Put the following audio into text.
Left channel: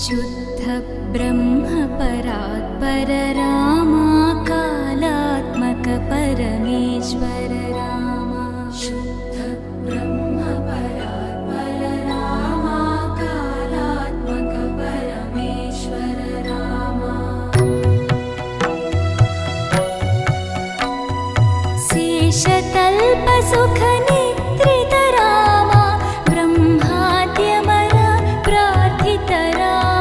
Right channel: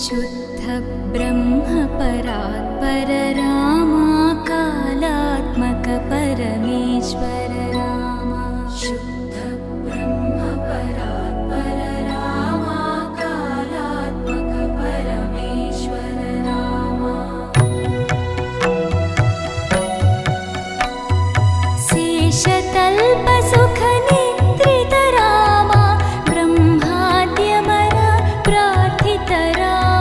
शुद्ध ब्रह्म परात्पर रामा कालात्मक परमेश्वर रामा शुद्ध ब्रह्म परात्पर रामा कालात्मक परमेश्वर रामा शेषतल्प सुख निद्रित रामा ब्रह्माद्यमर प्रार्थित रामा